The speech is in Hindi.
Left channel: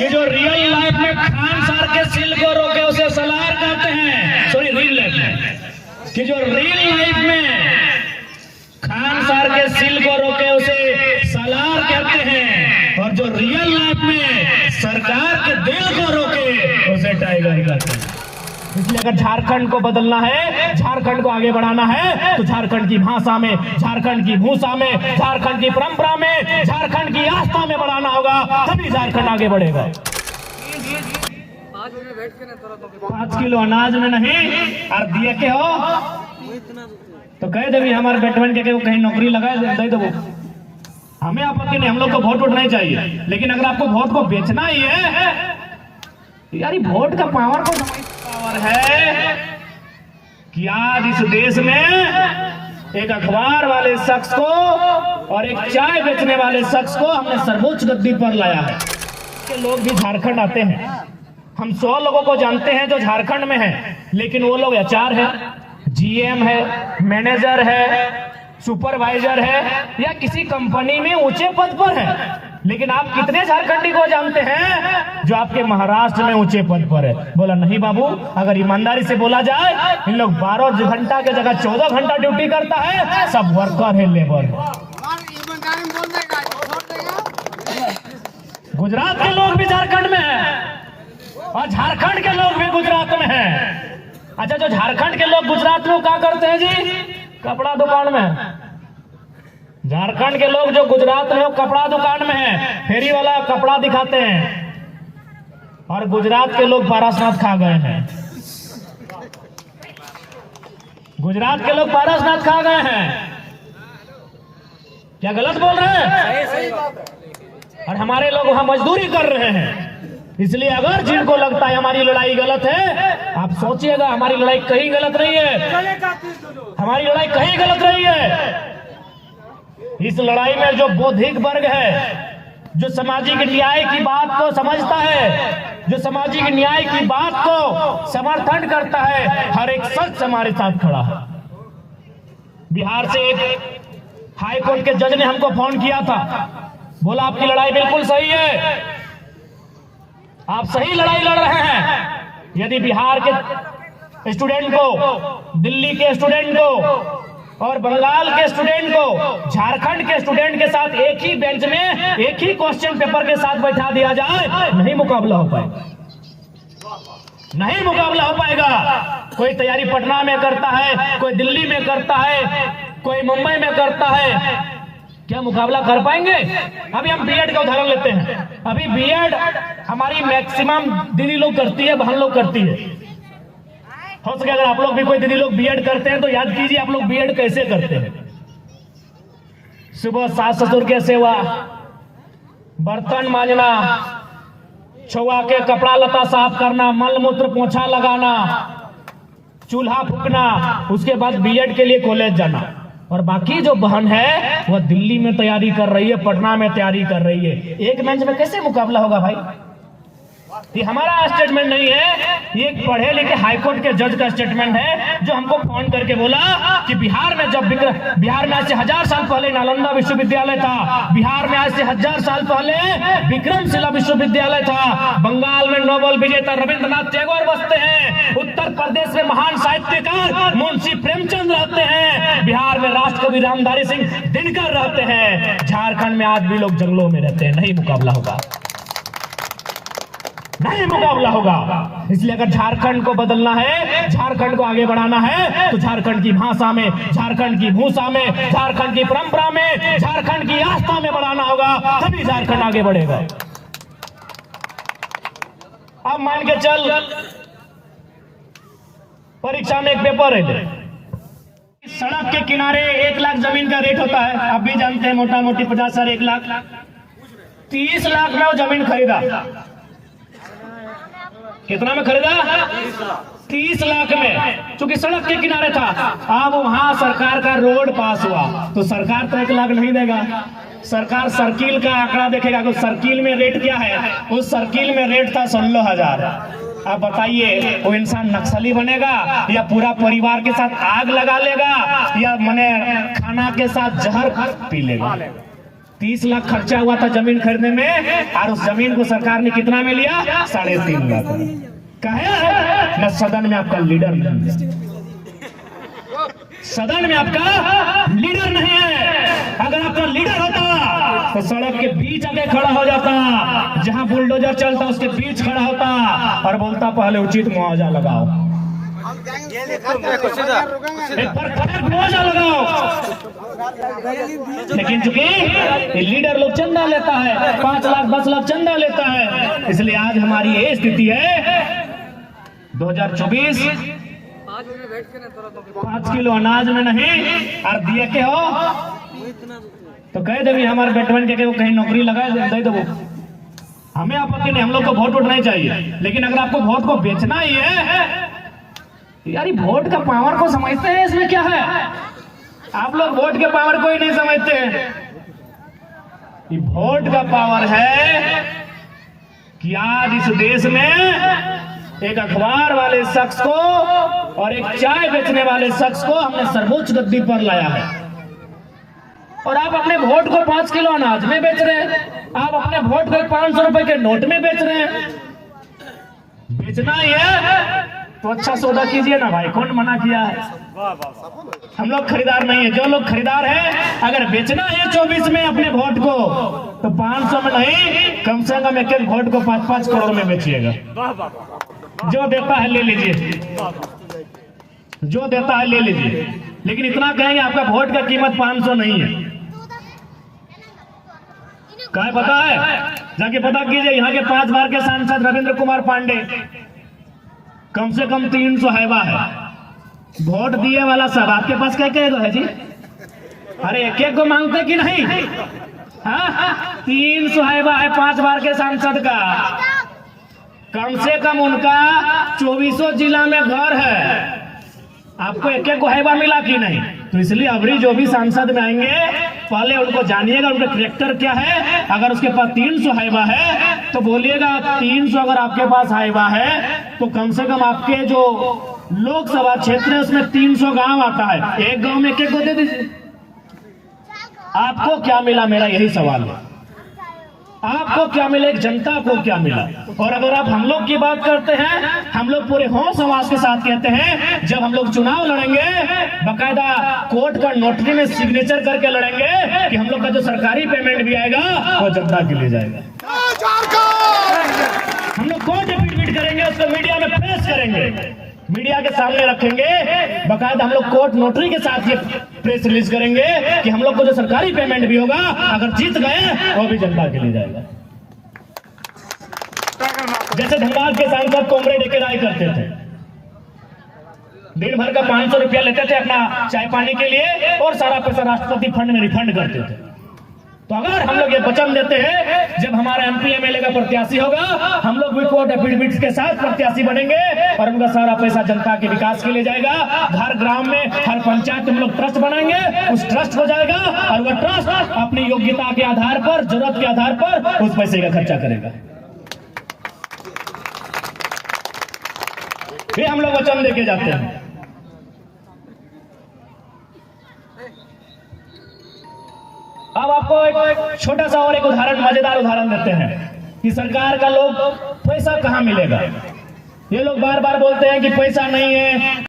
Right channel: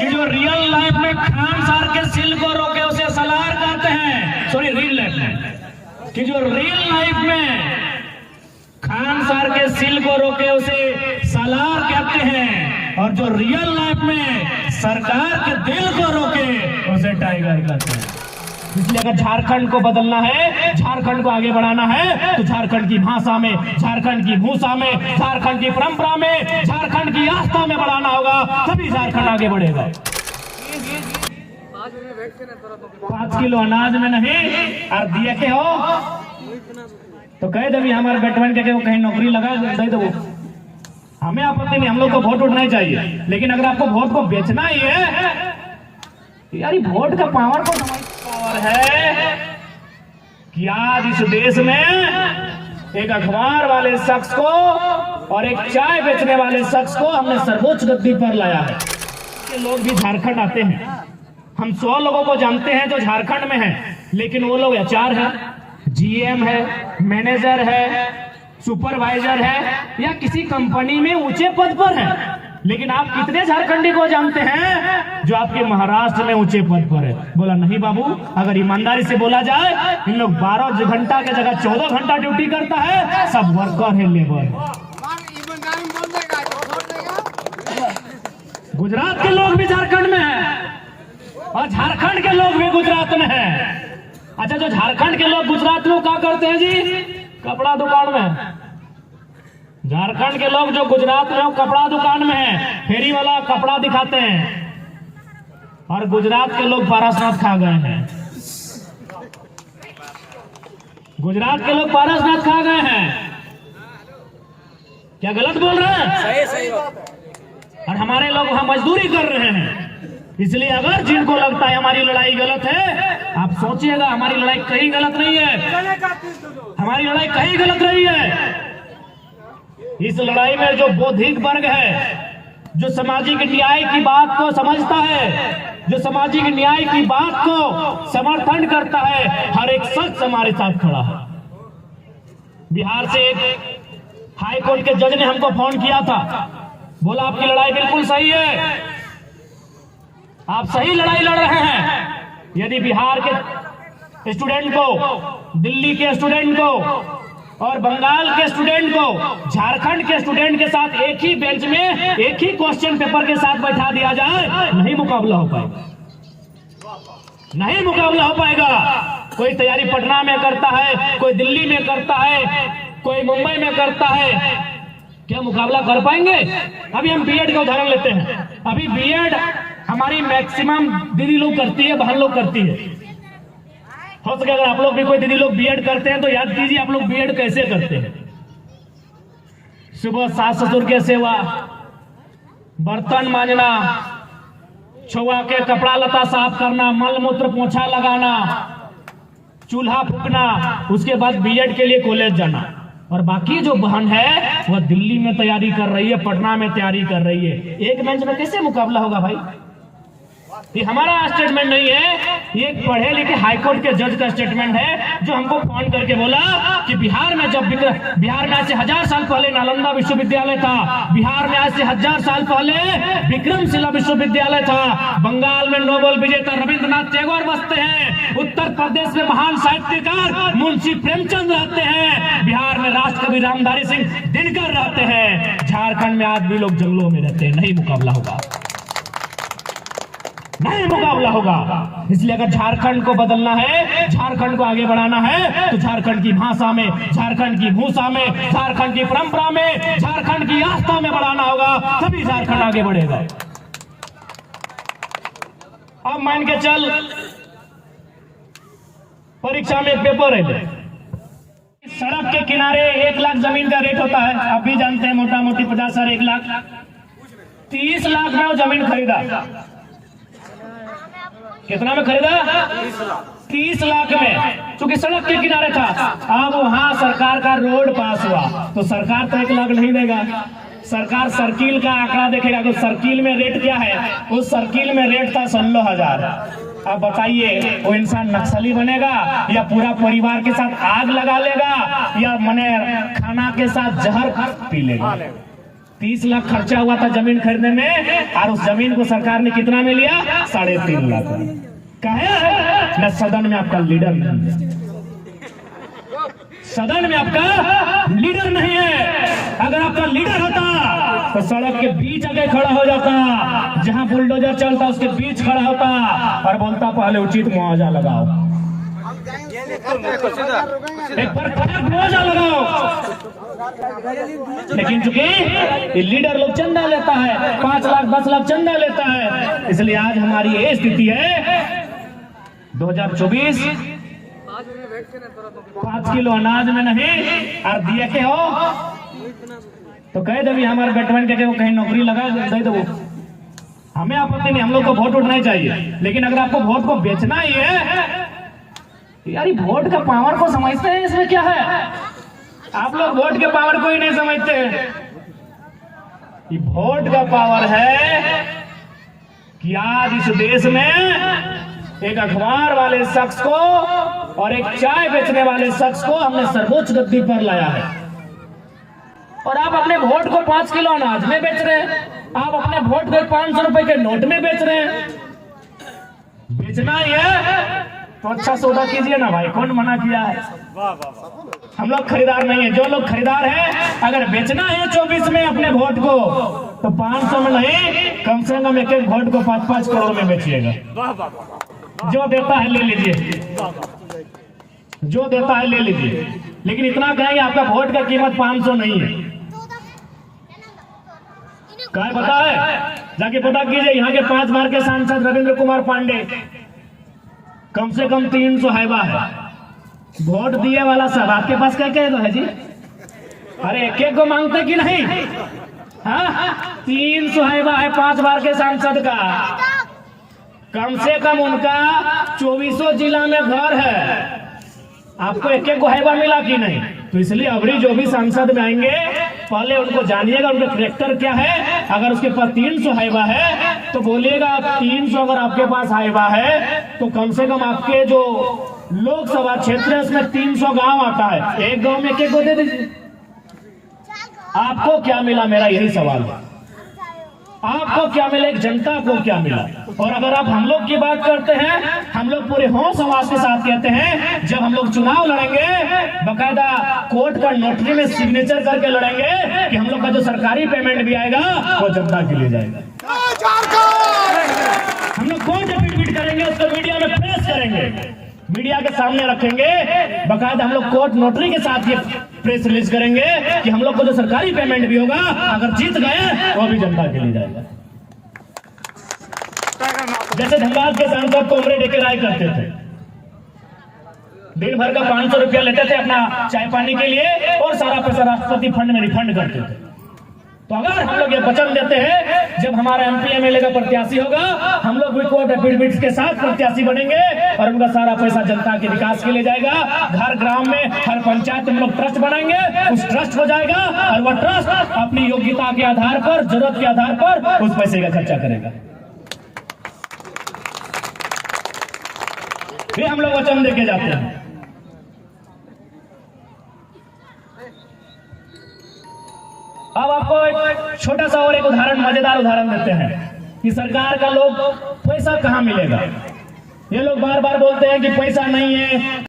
कि जो रियल लाइफ में खान सार के सिल को रोके उसे सलार कहते हैं। सॉरी, रियल लाइफ में कि जो रियल लाइफ में खान सार के सिल को रोके उसे सलार कहते हैं, और जो रियल लाइफ में सरकार के दिल को रोके उसे टाइगर कहते हैं। इसलिए अगर झारखंड को बदलना है, झारखंड को आगे बढ़ाना है, तो झारखंड की भाषा में, झारखंड की भूषा में, झारखंड की परंपरा में, झारखंड की आस्था में बढ़ाना होगा, तभी झारखंड आगे बढ़ेगा। 5 किलो अनाज में नहीं और दिए के हो तो कह दे भी हमारे बैटमैन के कहीं नौकरी लगा दे दो। हमें आपको नहीं, हम लोग को वोट उठना चाहिए, लेकिन अगर आपको वोट को बेचना ही है, यार वोट का पावर तो है कि आज इस देश में एक अखबार वाले शख्स को और एक चाय बेचने वाले शख्स को हमने सर्वोच्च गद्दी पर लाया है। लोग भी झारखंड आते हैं, हम 100 लोगों को जानते हैं जो झारखंड में हैं, लेकिन वो लोग एचआर है, जीएम है, मैनेजर है, सुपरवाइजर है या किसी कंपनी में ऊंचे पद पर है। लेकिन आप कितने झारखंडी को जानते हैं जो आपके महाराष्ट्र में ऊंचे पद पर है? बोला नहीं बाबू, अगर ईमानदारी से बोला जाए, इन लोग 12 घंटा के जगह 14 घंटा ड्यूटी करता है, सब वर्कर है, लेबर है। गुजरात के लोग भी झारखंड में है और झारखंड के लोग भी गुजरात में है। अच्छा, जो झारखंड के लोग गुजरात में क्या करते हैं जी? कपड़ा दुकान में। झारखंड के लोग जो गुजरात में कपड़ा दुकान में है, फेरी वाला कपड़ा दिखाते हैं, और गुजरात के लोग पारसनाथ खा गए हैं। गुजरात के लोग पारसनाथ खा गए हैं। क्या गलत बोल रहे हैं? सही बात है। और हमारे लोग वहां मजदूरी कर रहे हैं। इसलिए अगर जिनको लगता है हमारी लड़ाई गलत है, आप सोचिएगा, हमारी लड़ाई कहीं गलत नहीं है। हमारी लड़ाई कहीं गलत नहीं है। इस लड़ाई में जो बौद्धिक वर्ग है, जो सामाजिक न्याय की बात को समझता है, जो सामाजिक न्याय की बात को समर्थन करता है, हर एक शख्स हमारे साथ खड़ा है। बिहार से एक हाई कोर्ट के जज ने हमको फोन किया था, बोला आपकी लड़ाई बिल्कुल सही है, आप सही लड़ाई लड़ रहे हैं। यदि बिहार के स्टूडेंट को, दिल्ली के स्टूडेंट को और बंगाल के स्टूडेंट को झारखंड के स्टूडेंट के साथ एक ही बेंच में, एक ही क्वेश्चन पेपर के साथ बैठा दिया जाए, नहीं मुकाबला हो पाएगा, नहीं मुकाबला हो पाएगा। कोई तैयारी पटना में करता है, कोई दिल्ली में करता है, कोई मुंबई में करता है, क्या मुकाबला कर पाएंगे? अभी हम बीएड का उदाहरण लेते हैं। अभी बीएड हमारी मैक्सिमम दीदी लोग करती है, बहन लोग करती है। हो सके अगर आप लोग भी कोई दीदी लोग बीएड करते हैं तो याद कीजिए आप लोग बीएड कैसे करते हैं। सुबह सास ससुर के सेवा, बर्तन मांजना, छुआ के कपड़ा लता साफ करना, मल मूत्र पोछा लगाना, चूल्हा फूकना, उसके बाद बीएड के लिए कॉलेज जाना। और बाकी जो बहन है वह दिल्ली में तैयारी कर रही है, पटना में तैयारी कर रही है। एक मंच में कैसे मुकाबला होगा भाई? ये हमारा स्टेटमेंट नहीं है, ये एक पढ़े लिखे हाईकोर्ट के जज का स्टेटमेंट है, जो हमको फोन करके बोला कि बिहार में जब बिहार में आज से 1000 साल पहले नालंदा विश्वविद्यालय था, बिहार में आज से 1000 साल पहले विक्रमशिला विश्वविद्यालय था, बंगाल में नोबेल विजेता रविंद्रनाथ टैगोर बसते हैं, उत्तर प्रदेश में महान साहित्यकार मुंशी प्रेमचंद रहते हैं, बिहार में राष्ट्रकवि रामधारी सिंह दिनकर रहते हैं, झारखंड में आज भी लोग जंगलों में रहते हैं। नहीं मुकाबला होगा, नहीं मुकाबला होगा। इसलिए अगर झारखंड को बदलना है, झारखंड को आगे बढ़ाना है, तो झारखंड की भाषा में, झारखंड की भूषा में, झारखंड की परंपरा में, झारखंड की आस्था में बढ़ाना होगा, तभी झारखंड आगे बढ़ेगा। अब मान के चल परीक्षा में एक पेपर है, सड़क के किनारे 1 लाख जमीन का रेट होता है, आप भी जानते हैं, मोटा मोटी 50 साल 1 लाख, 30 लाख में वो जमीन खरीदा। कितना में खरीदा? 30 लाख में, क्योंकि सड़क के किनारे था। अब वहां सरकार का रोड पास हुआ तो सरकार तो 1 लाख नहीं देगा, सरकार सर्किल का आंकड़ा देखेगा। तो सर्किल में रेट क्या है? उस सर्किल में रेट था 16,000। अब बताइए वो इंसान नक्सली बनेगा या पूरा परिवार के साथ आग लगा लेगा या मने खाना के साथ जहर पी लेगा? 30 लाख खर्चा हुआ था जमीन खरीदने में, और उस जमीन को सरकार ने कितना में लिया? 3.5 लाख। कहे न सदन में आपका लीडर नहीं है, सदन में आपका लीडर नहीं है। अगर आपका लीडर होता तो सड़क के बीच आके खड़ा हो जाता, जहां बुलडोजर चलता उसके बीच खड़ा होता और बोलता पहले उचित मुआवजा लगाओ, मुआवजा लगाओ। लेकिन चूंकि ये लीडर लोग चंदा लेता है, 5 लाख 10 लाख चंदा लेता है, इसलिए आज हमारी ये स्थिति है। 2024 5 किलो अनाज में नहीं और दिए के हो तो कह दे भी हमारे बेटवन के कहीं नौकरी लगा दे दो। हमें आपत्ति नहीं, हम लोग को वोट उठना चाहिए, लेकिन अगर आपको वोट को बेचना ही है, यार ये वोट का पावर को समझते हैं, इसमें क्या है? आप लोग वोट के पावर को ही नहीं समझते। ये वोट का पावर है कि आज इस देश में एक अखबार वाले शख्स को और एक चाय बेचने वाले शख्स को हमने सर्वोच्च गद्दी पर लाया है, और आप अपने वोट को 5 किलो अनाज में बेच रहे हैं, आप अपने वोट को 500 रुपए के नोट में बेच रहे हैं। बेचना ही है तो अच्छा सौदा कीजिए ना भाई, कौन मना किया है? हम लोग खरीदार नहीं है, जो लोग खरीदार है अगर बेचना है 24 में अपने वोट को तो 500 में नहीं, कम से कम एक वोट को 5-5 करोड़ में बेचिएगा। जो देता है ले लीजिए, जो देता है ले लीजिए, लेकिन इतना कहेंगे आपका वोट का कीमत 500 नहीं है। क्या पता है? जाके पता कीजिए, यहाँ के 5 बार के सांसद रविंद्र कुमार पांडे कम से कम 300 हैवा है। वोट दिए वाला सब आपके पास क्या है जी? अरे एक को मांगते कि नहीं? हाँ, 300 हैवा है 5 बार के सांसद का। कम से कम उनका 24 जिला में घर है, आपको एक को हैवा मिला कि नहीं? तो इसलिए अबरी जो भी सांसद में आएंगे पहले उनको जानिएगा उनका कैरेक्टर क्या है। अगर उसके पास 300 हैवा है तो बोलिएगा 300 अगर आपके पास हैवा है तो कम से कम आपके जो लोकसभा क्षेत्र है उसमें 300 गांव आता है, एक गांव में एक को दे दीजिए। आपको क्या मिला, मेरा यही सवाल है। आपको क्या मिला, एक जनता को क्या मिला? और अगर आप हम लोग की बात करते हैं, हम लोग पूरे हों समाज के साथ कहते हैं, जब हम लोग चुनाव लड़ेंगे बकायदा कोर्ट का नोटरी में सिग्नेचर करके लड़ेंगे कि हम लोग का जो सरकारी पेमेंट भी आएगा वो जनता के लिए जाएगा। हम लोग कोर्ट एफिडेविट करेंगे, उसको मीडिया में पेश करेंगे, मीडिया के सामने रखेंगे, बकायदा हम लोग कोर्ट नोटरी के साथ ये प्रेस रिलीज करेंगे कि हम लोग को जो सरकारी पेमेंट भी होगा अगर जीत गए वो भी जनता के लिए जाएगा। जैसे धनबाद के सांसद कॉमरेड एके राय करते थे, दिन भर का 500 रुपया लेते थे अपना चाय पानी के लिए और सारा पैसा राष्ट्रपति फंड में रिफंड करते थे। तो अगर हम लोग ये वचन देते हैं जब हमारा MP MLA का प्रत्याशी होगा हम लोग भी कोर्ट एफिडेविट के साथ प्रत्याशी बनेंगे और उनका सारा पैसा जनता के विकास के लिए जाएगा। घर ग्राम में हर पंचायत में हम लोग ट्रस्ट बनाएंगे, उस ट्रस्ट हो जाएगा और वह ट्रस्ट अपनी योग्यता के आधार पर, जरूरत के आधार पर उस पैसे का खर्चा करेगा। ये हम लोग वचन देके जाते हैं। अब आपको एक छोटा सा और एक उदाहरण, मजेदार उदाहरण देते हैं कि सरकार का लोग पैसा कहां मिलेगा। ये लोग बार बार बोलते हैं कि पैसा नहीं है,